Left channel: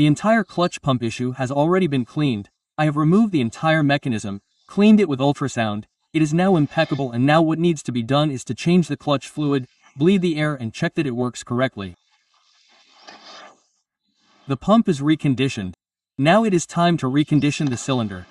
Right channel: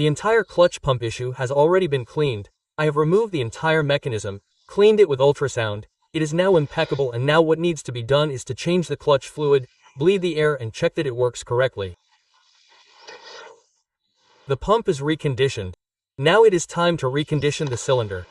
The entire clutch pump issue has already been cleaned. I have removed the entire mechanism, cleaned it with ultrasound. It is now impeccable, and now what needs to be done is to change the clutch fluid, bleed the air, and check that it works correctly. The pump is reconditioned. Now it is time to recondition the cylinder.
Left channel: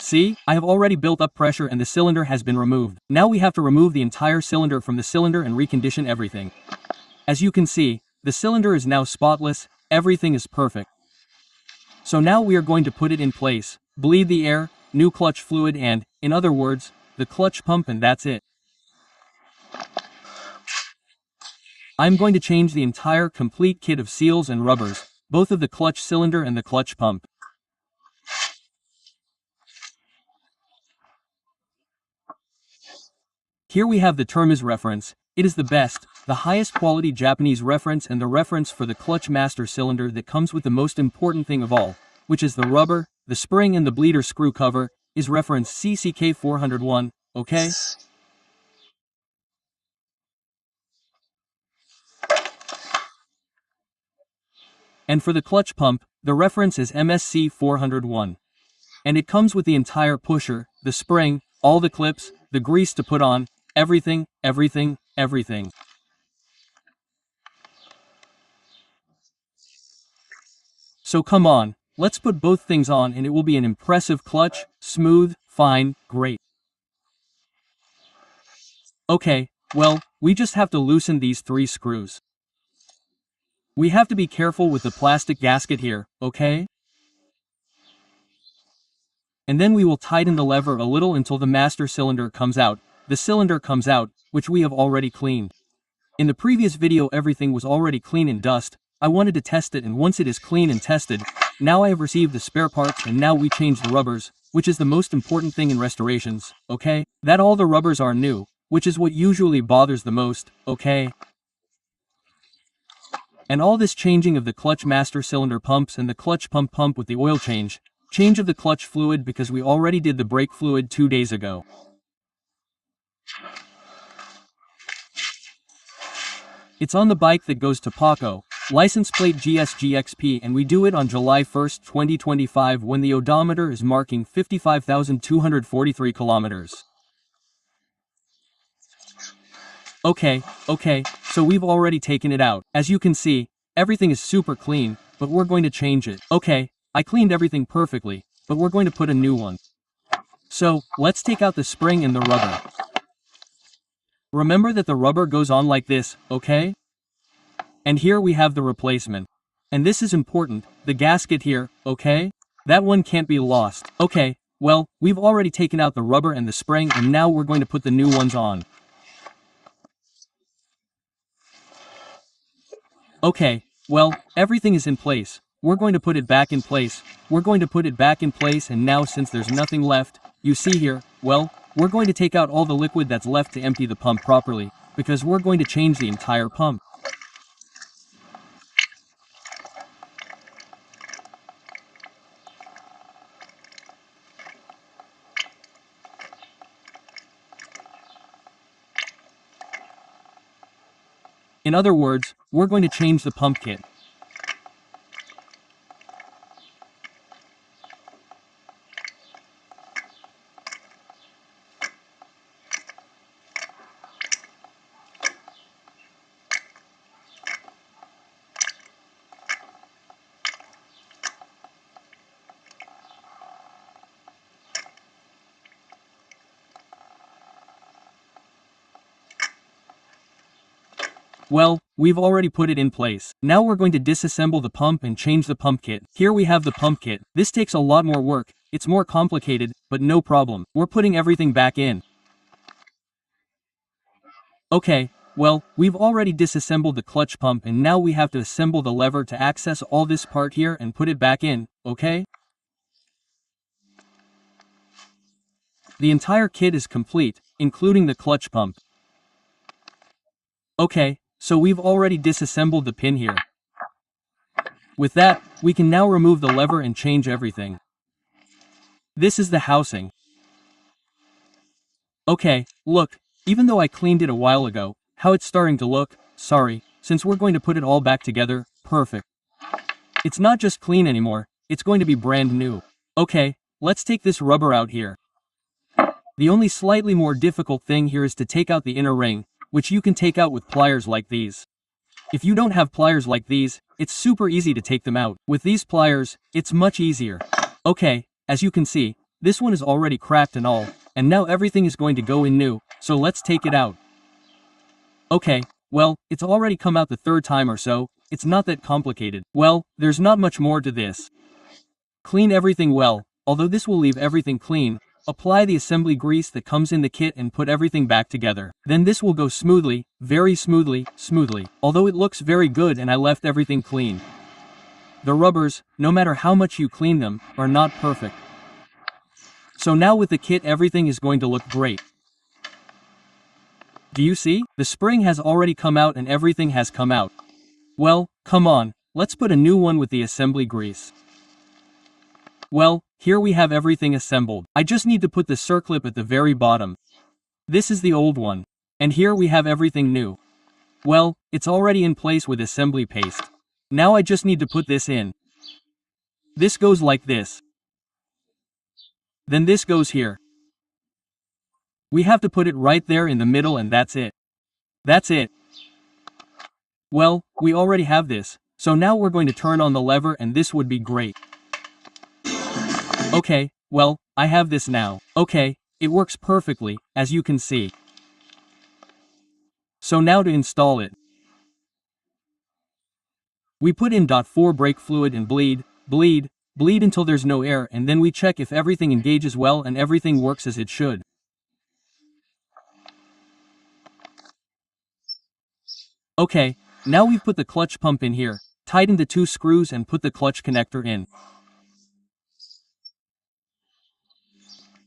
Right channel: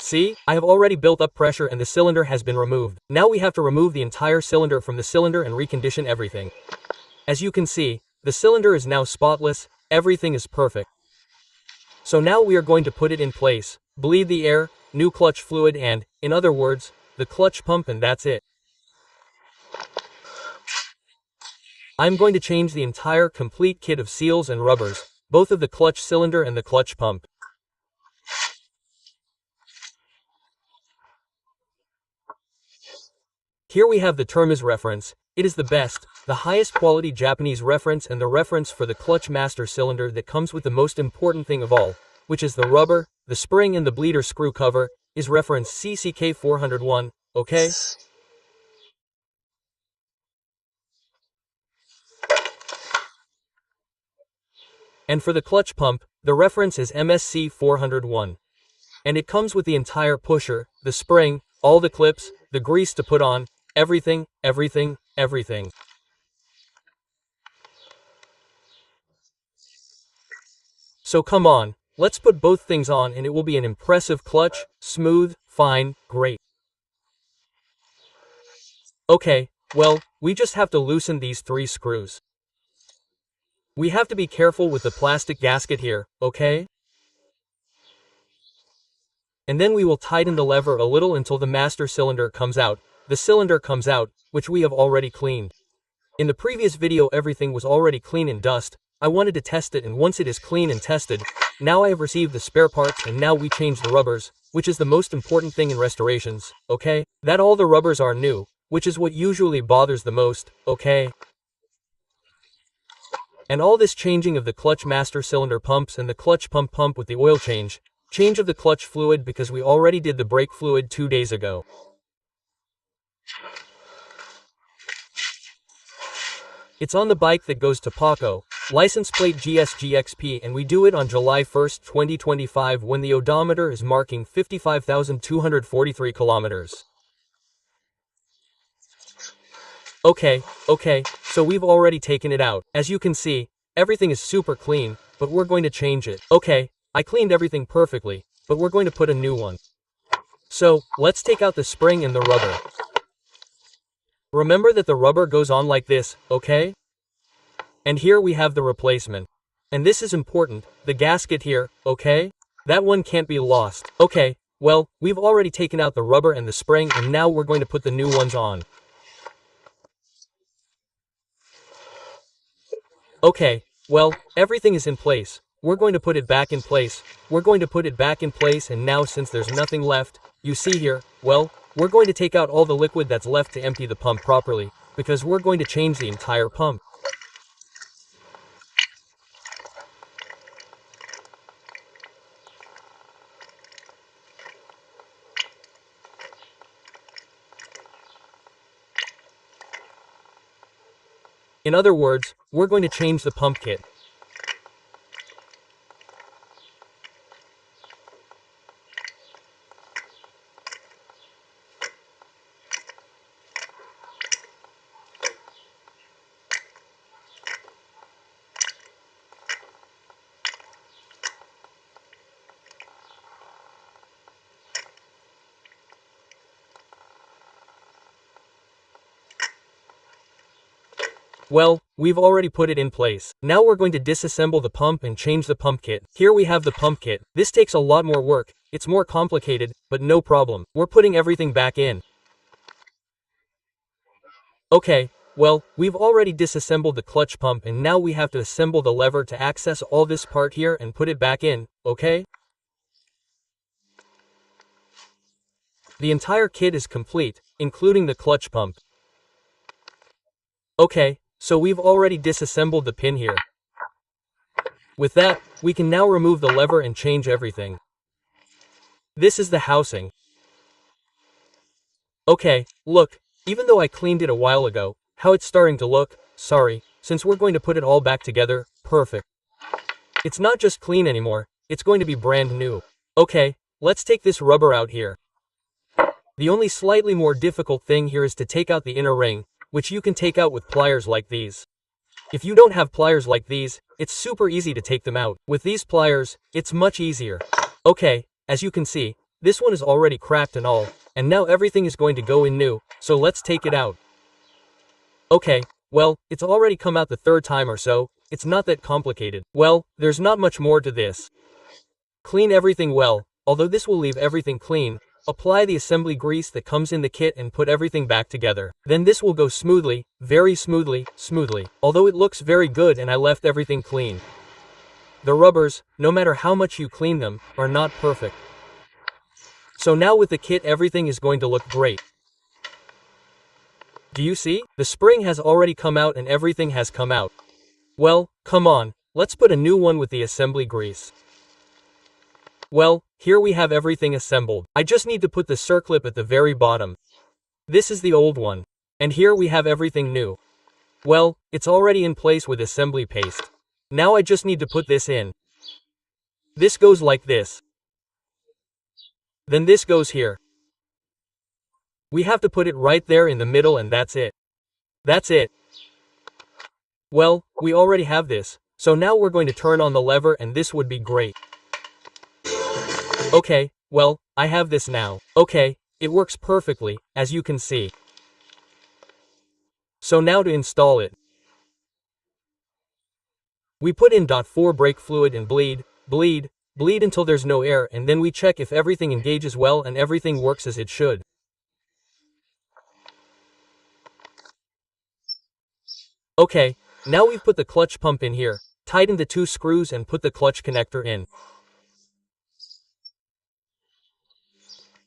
See, I have already built up pressure and the cylinder has been removed. Now we have to remove the entire cylinder from the cylinder and recondition everything. As you can see, the cylinder is now spotless, everything is perfect. So now we are going to put it in place, bleed the air, new clutch fluid and, in other words, the clutch pump, and that's it. I'm going to change the entire complete kit of seals and rubbers, both of the clutch cylinder and the clutch pump. Here we have the Termas reference. It is the best, the highest quality Japanese reference and the reference for the clutch master cylinder that comes with the most important thing of all, which is the rubber, the spring and the bleeder screw cover, is reference CCK401, okay? And for the clutch pump, the reference is MSC401. And it comes with the entire pusher, the spring, all the clips, the grease to put on, everything, everything, everything. So come on, let's put both things on and it will be an impressive clutch, smooth, fine, great. Okay, well, we just have to loosen these 3 screws. We have to be careful with the plastic gasket here, okay? And then we will tighten the lever a little until the master cylinder comes out. The cylinder comes out, which we have already cleaned. In the previous video everything was already clean and dust. I wanted to test it, and once it is clean and tested, now I have received the spare parts and now we change the rubbers, which is the most important thing in restorations, okay? That all the rubbers are new, which is what usually bothers the most, okay? And all this changing of the clutch master cylinder pumps and the clutch pump with the oil change of the clutch fluid because we already did the brake fluid 2 days ago. It's on the bike that goes to Paco, license plate GSGXP, and we do it on July 1st, 2025 when the odometer is marking 55,243 kilometers. Okay, so we've already taken it out. As you can see, everything is super clean, but we're going to change it. Okay, I cleaned everything perfectly, but we're going to put a new one. So, let's take out the spring and the rubber. Remember that the rubber goes on like this, okay? And here we have the replacement. And this is important, the gasket here, okay? That one can't be lost. Okay, well, we've already taken out the rubber and the spring and now we're going to put the new ones on. Okay, well, everything is in place. We're going to put it back in place. We're going to put it back in place, and now since there's nothing left, you see here, well, we're going to take out all the liquid that's left to empty the pump properly, because we're going to change the entire pump. In other words, we're going to change the pump kit. Well, we've already put it in place. Now we're going to disassemble the pump and change the pump kit. Here we have the pump kit. This takes a lot more work. It's more complicated, but no problem. We're putting everything back in. Okay, well, we've already disassembled the clutch pump and now we have to assemble the lever to access all this part here and put it back in, okay? The entire kit is complete, including the clutch pump. Okay, so we've already disassembled the pin here. With that, we can now remove the lever and change everything. This is the housing. Okay, look, even though I cleaned it a while ago, how it's starting to look, sorry, since we're going to put it all back together, perfect. It's not just clean anymore, it's going to be brand new. Okay, let's take this rubber out here. The only slightly more difficult thing here is to take out the inner ring, which you can take out with pliers like these. If you don't have pliers like these, it's super easy to take them out. With these pliers, it's much easier. Okay, as you can see, this one is already cracked and all, and now everything is going to go in new, so let's take it out. Okay, well, it's already come out the third time or so, it's not that complicated. Well, there's not much more to this. Clean everything well, although this will leave everything clean. Apply the assembly grease that comes in the kit and put everything back together. Then this will go smoothly, very smoothly, although it looks very good and I left everything clean. The rubbers, no matter how much you clean them, are not perfect. So now with the kit everything is going to look great. Do you see? The spring has already come out and everything has come out. Well, come on, let's put a new one with the assembly grease. Well, here we have everything assembled. I just need to put the circlip at the very bottom. This is the old one. And here we have everything new. Well, it's already in place with assembly paste. Now I just need to put this in. This goes like this. Then this goes here. We have to put it right there in the middle and that's it. That's it. Well, we already have this, so now we're going to turn on the lever and this would be great. Okay, well, I have this now. Okay, it works perfectly, as you can see. So now to install it. We put in .4 brake fluid and bleed until there's no air and then we check if everything engages well and everything works as it should. Okay, now we've put the clutch pump in here, tighten the 2 screws and put the clutch connector in.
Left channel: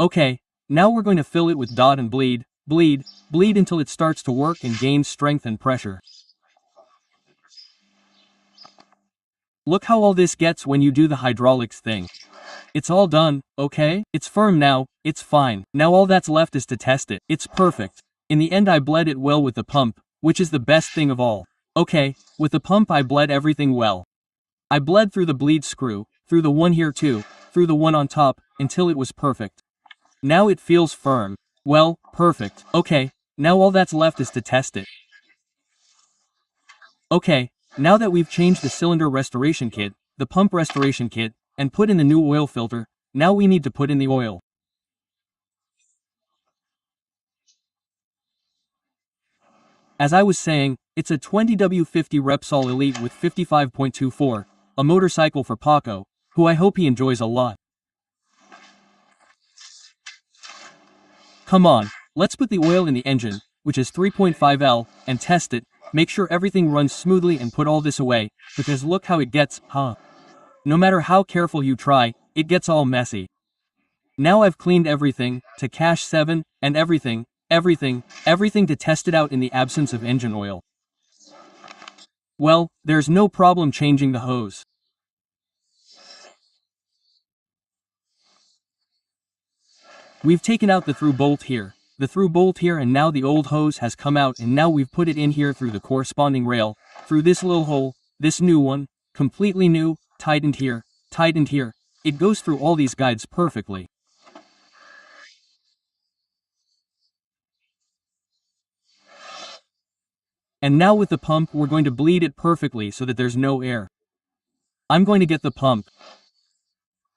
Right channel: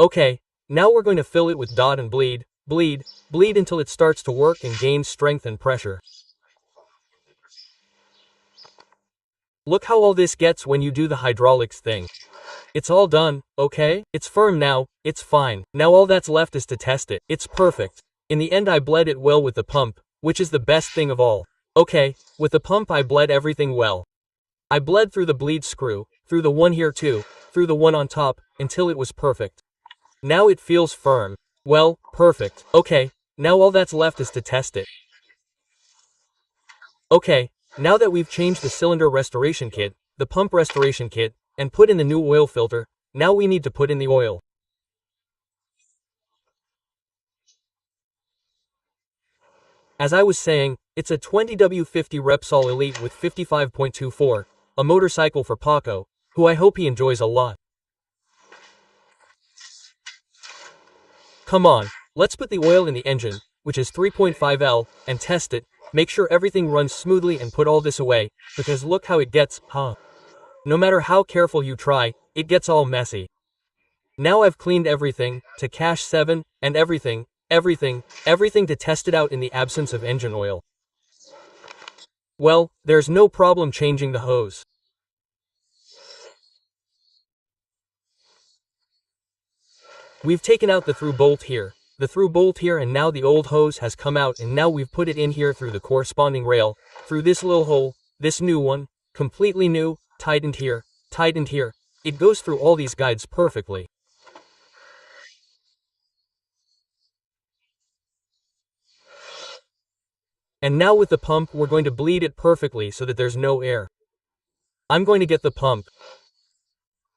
Okay, now we're going to fill it with dot and bleed until it starts to work and gains strength and pressure. Look how all this gets when you do the hydraulics thing. It's all done, okay? It's firm now, it's fine. Now all that's left is to test it. It's perfect. In the end I bled it well with the pump, which is the best thing of all. Okay, with the pump I bled everything well. I bled through the bleed screw, through the one here too, through the one on top, until it was perfect. Now it feels firm. Well, perfect. Okay, now all that's left is to test it. Okay, now that we've changed the cylinder restoration kit, the pump restoration kit, and put in the new oil filter, now we need to put in the oil. As I was saying, it's a 20W50 Repsol Elite with 55.24, a motorcycle for Paco, who I hope he enjoys a lot. Come on, let's put the oil in the engine, which is 3.5L, and test it, make sure everything runs smoothly and put all this away, because look how it gets, huh? No matter how careful you try, it gets all messy. Now I've cleaned everything, to cache 7, and everything to test it out in the absence of engine oil. Well, there's no problem changing the hose. We've taken out the through bolt here, and now the old hose has come out and now we've put it in here through the corresponding rail, through this little hole, this new one, completely new, tightened here, it goes through all these guides perfectly. And now with the pump we're going to bleed it perfectly so that there's no air. I'm going to get the pump.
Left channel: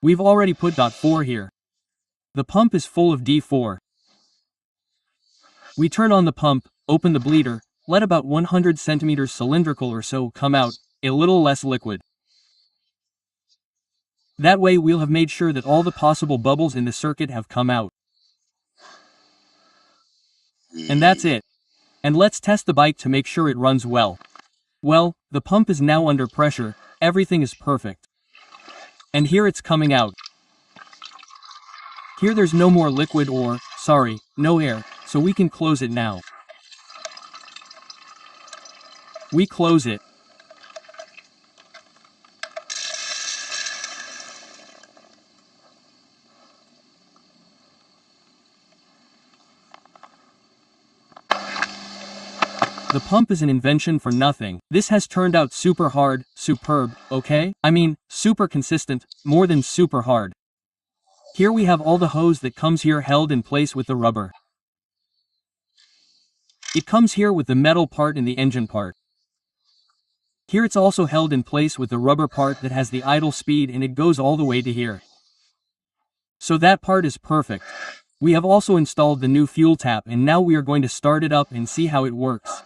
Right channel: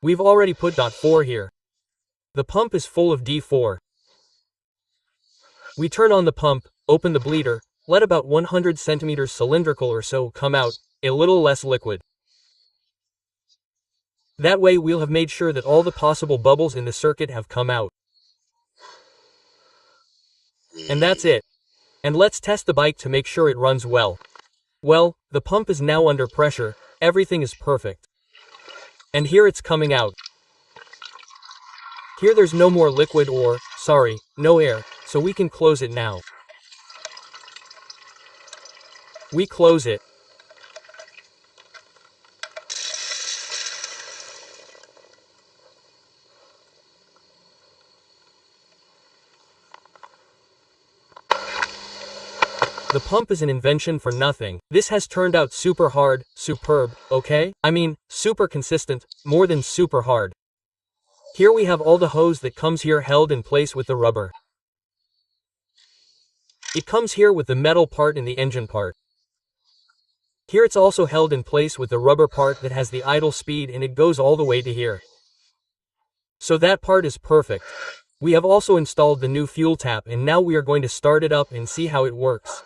We've already put .4 here. The pump is full of D4. We turn on the pump, open the bleeder, let about 100 centimeters cylindrical or so come out, a little less liquid. That way we'll have made sure that all the possible bubbles in the circuit have come out. And that's it. And let's test the bike to make sure it runs well. Well, the pump is now under pressure, everything is perfect. And here it's coming out. Here there's no more liquid or, no air, so we can close it now. We close it. The pump is an invention for nothing. This has turned out super hard, superb, okay? I mean, super consistent, more than super hard. Here we have all the hose that comes here held in place with the rubber. It comes here with the metal part and the engine part. Here it's also held in place with the rubber part that has the idle speed, and it goes all the way to here. So that part is perfect. We have also installed the new fuel tap, and now we are going to start it up and see how it works.